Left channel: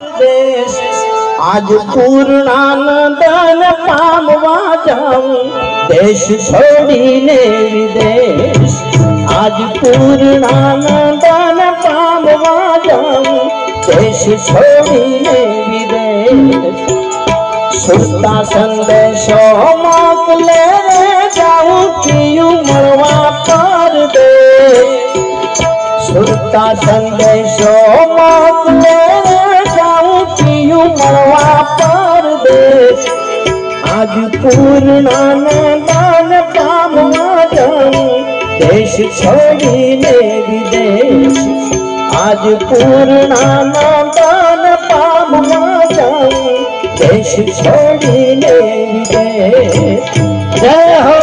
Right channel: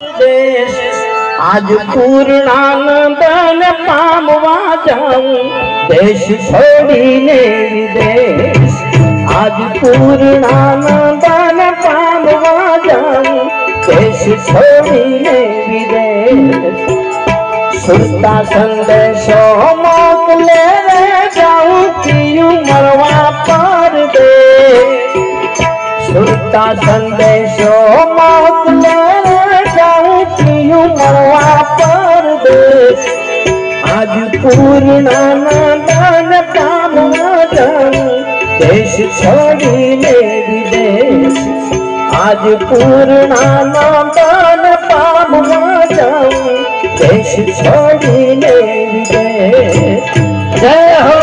देश आज पूर्णानंदन पामवा जाऊं देश छोड़ीने विदेश आज पूर्णानंदन पामवा जाऊं देश छोड़ीने विदेश सुरता संदेशो मोकले जाऊं पीयूं मरवा पर दे सुरता संदेशो मोकले मरवा पर दे आज पूर्णानंदन पामवा जाऊं देश छोड़ीने विदेश आज पूर्णानंदन पामवा जाऊं देश छोड़ीने विदेश। जय हो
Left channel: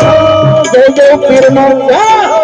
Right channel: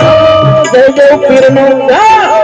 जय जय किरणों जय हो।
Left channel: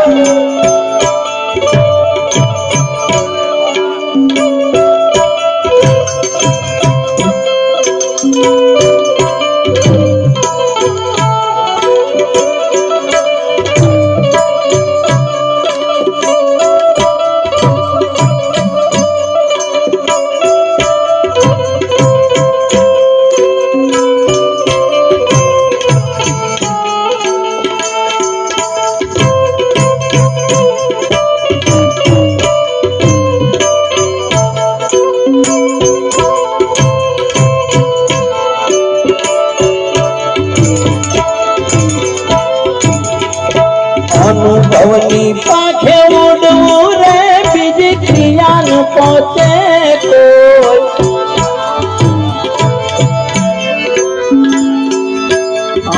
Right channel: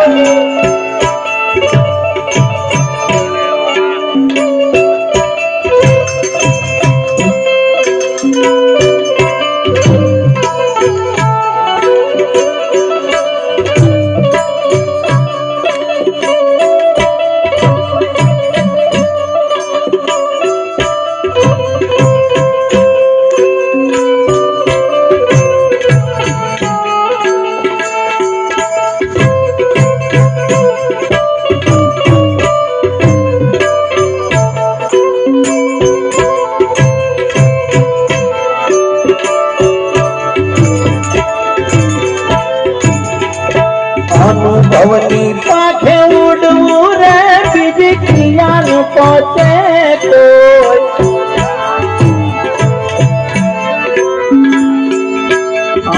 अनुभवनी पाखे उड़ू रे बिजलियां पहुंचे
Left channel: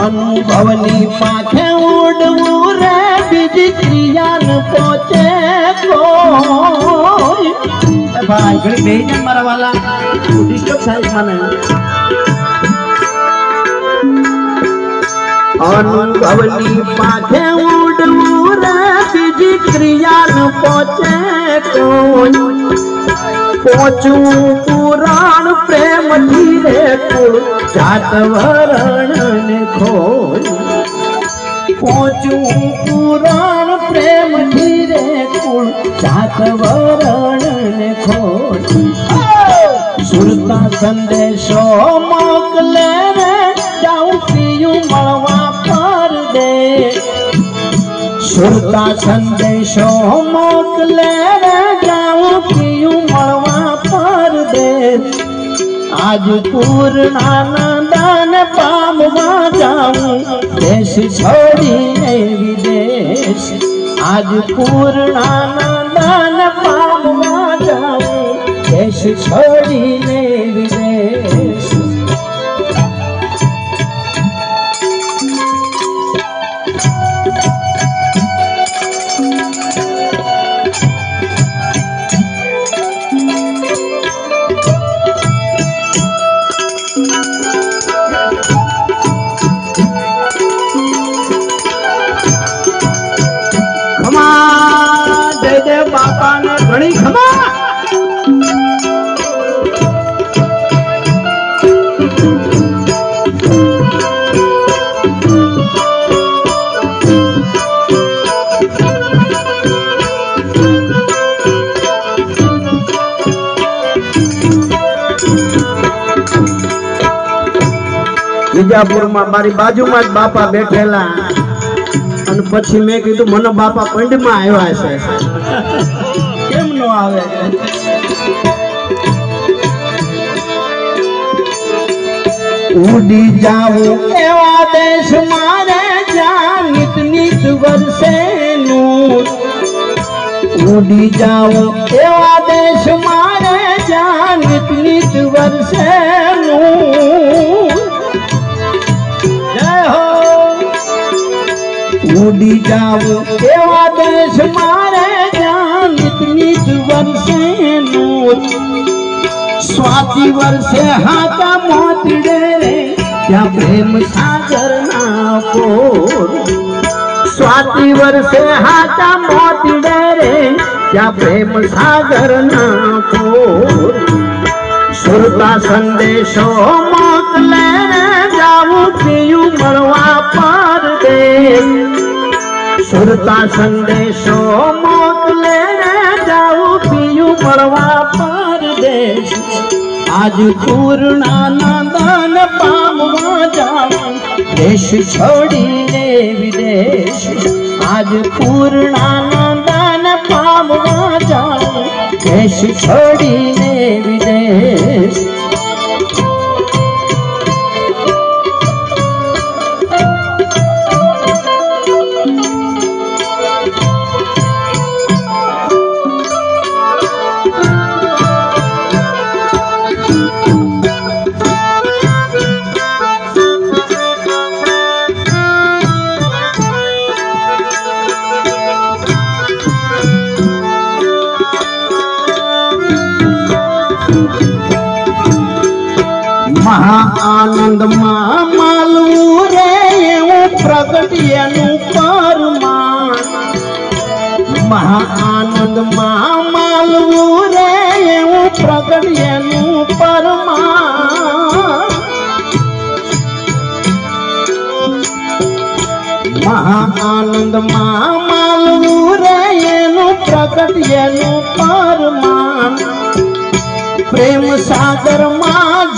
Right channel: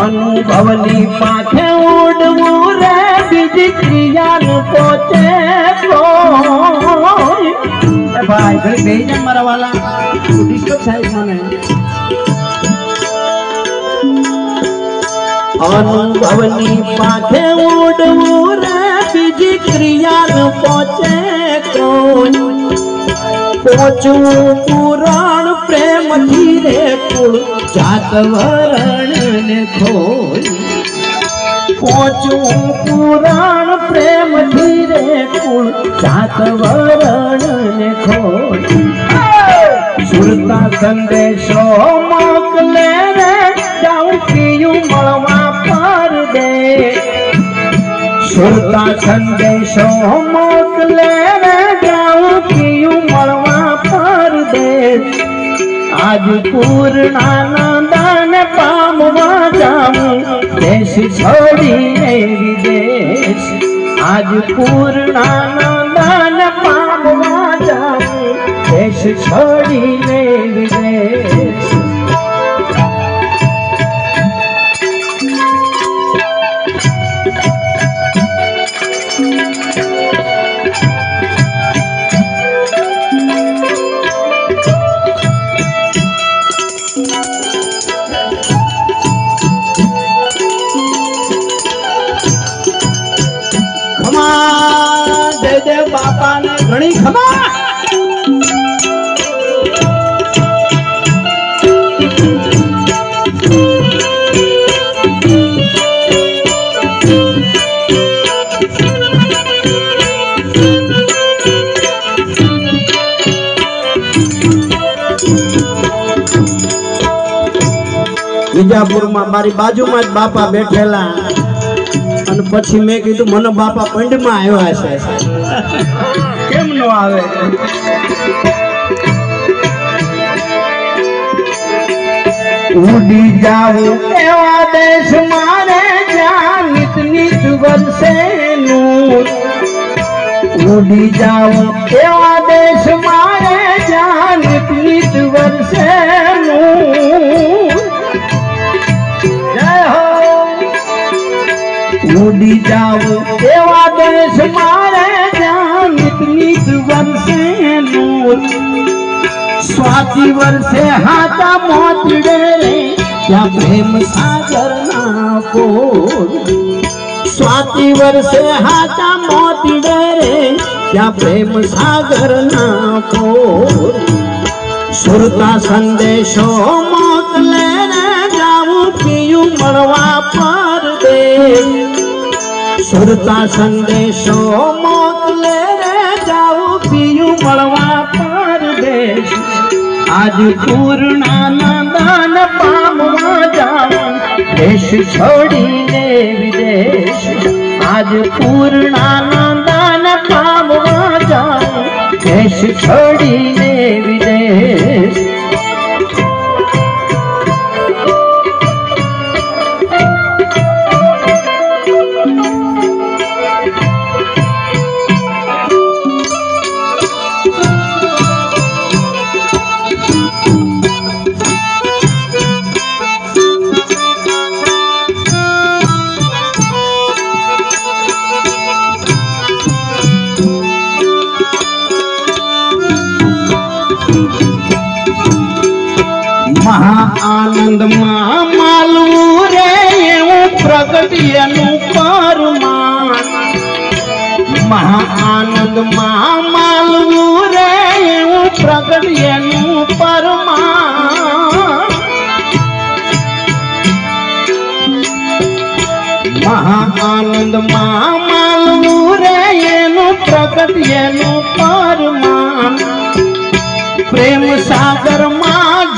अनुभवनी पाखे उड़ू रे बिजलियां पहुंचे भाई घड़ी भेजना मारा वाला डिस्टर्ब साइड माने अनुभवनी पाखे उड़ू रे बीजी क्रिया न पहुंचे कौन पहुंचू पुराण प्रेम धीरे कुल जात वरण ने खोल पहुंचू पुराण प्रेम धीरे कुल जात वरण ने खोल सुरता संदेशो मोकले जाऊं पीयूं मरवा पर दे सुरता संदेशो मोकले जाऊं पीयूं मरवा पर दे आज पूर्णानंदन पामवा जाऊं देश छोड़ीने विदेश आज पूर्णानंदन पामवा जाऊं देश छोड़ीने विदेश। बापा ने घणी खमा विजापुर में मारी बाजू में बापा बैठेला પછી મેં કીધું મને બાપા પંડમાં આવ્યા છે કેમ નો આવે ઉડી જાવું એવા દેશ મારે જ્યાં નિત નિત વર્ષે નું ઉડી જાવું એવા દેશ મારે જ્યાં નિત નિત વર્ષે उड़ी जाऊं एवा देश मारे जान इतनी वर्षे नूर स्वाति वर्षे हाथा मोतीडे रे क्या प्रेम सागर ना पोर स्वाति वर्षे हाथा मोतीडे रे क्या प्रेम सागर ना पोर सुरता संदेशो मोकले जाऊं पीयूं मरवा पर दे सुरता संदेशो मोकले जाऊं पीयूं मरवा पर देश आज पूर्णानंदन पामवा जाऊं देश छोड़ीने विदेश। आज पूर्णानंदन पामवा जाऊं देश छोड़ीने विदेश। महाआनंद मालू रे प्रगटियनु परमान। महाआनंद मालू रे प्रगटियनु परमान। महाआनंद मालू रे प्रगटियनु परमान। प्रेम सागर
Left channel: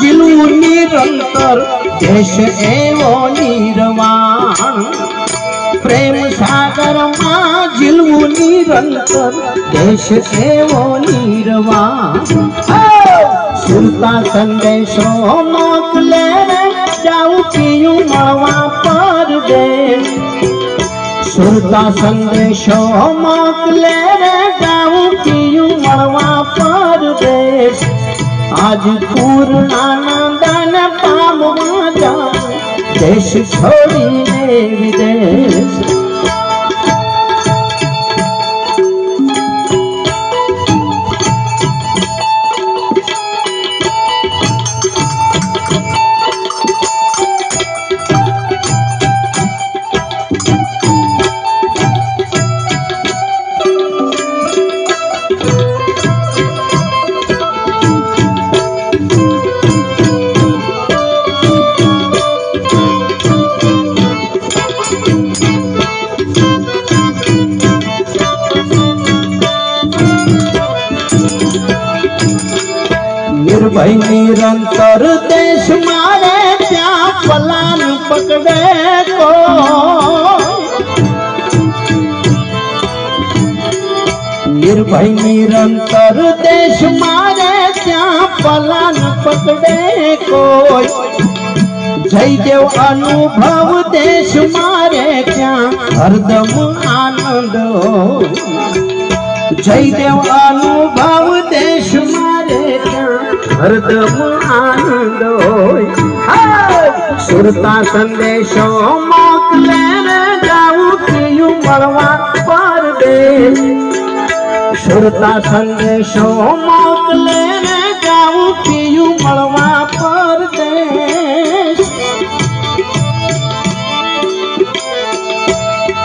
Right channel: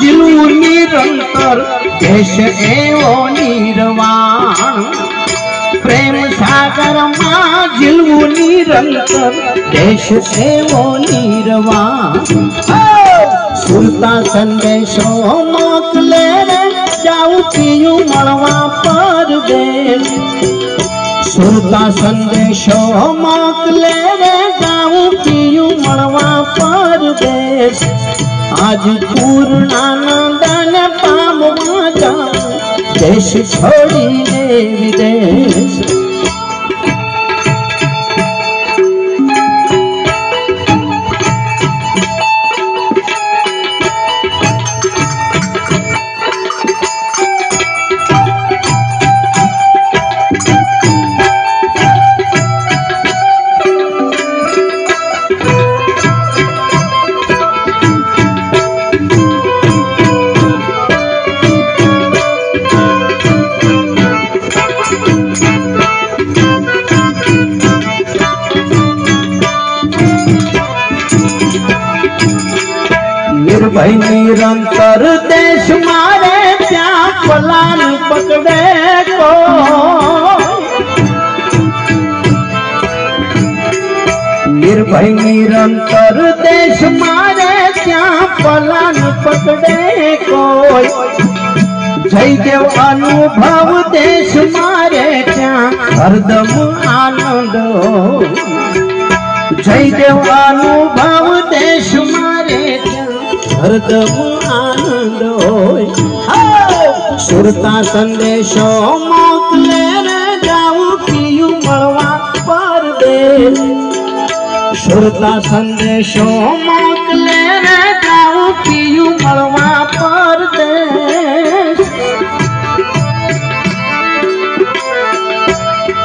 निरंतर देश एवो निर्वाण। प्रेम सागर मां जिलू निरंतर देश एवो निर्वाण। सुरता संदेशो मोकले जाऊं पियूं मवा परदेश। सुरता संदेशो मोकले जाऊं पियूं मवा परदेश। आज पूर्णानंदन पामवा जाऊं देश छोड़ीने विदेश। निर्भय निरंतर देश मारे त्या पलान पकड़े को। निर्भय निरंतर देश मारे त्या पलान पकड़े को। जयदेव अनुभव देश मारे त्या हरदम आनंद। जयदेव अनुभव देश मारे त्या हरदम आनंद। सुरता संदेशो मोकले जाऊं पियूं मवा परदेश। सुरता संदेशो मोकले जाऊं पियूं मवा परदेश।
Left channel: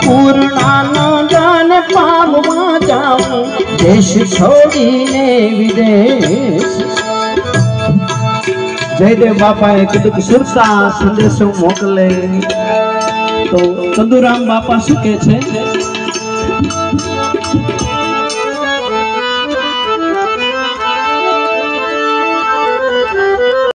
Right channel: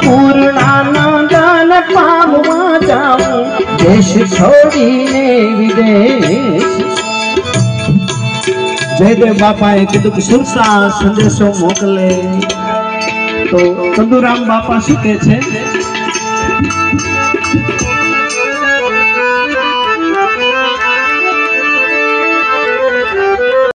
पूर्णानंदन पामवा जाऊं देश छोड़ीने विदेश। जयदेव बापाए कीधुं के सुरता संदेशो मोकले तो चंदुराम बापा शुं कहे छे?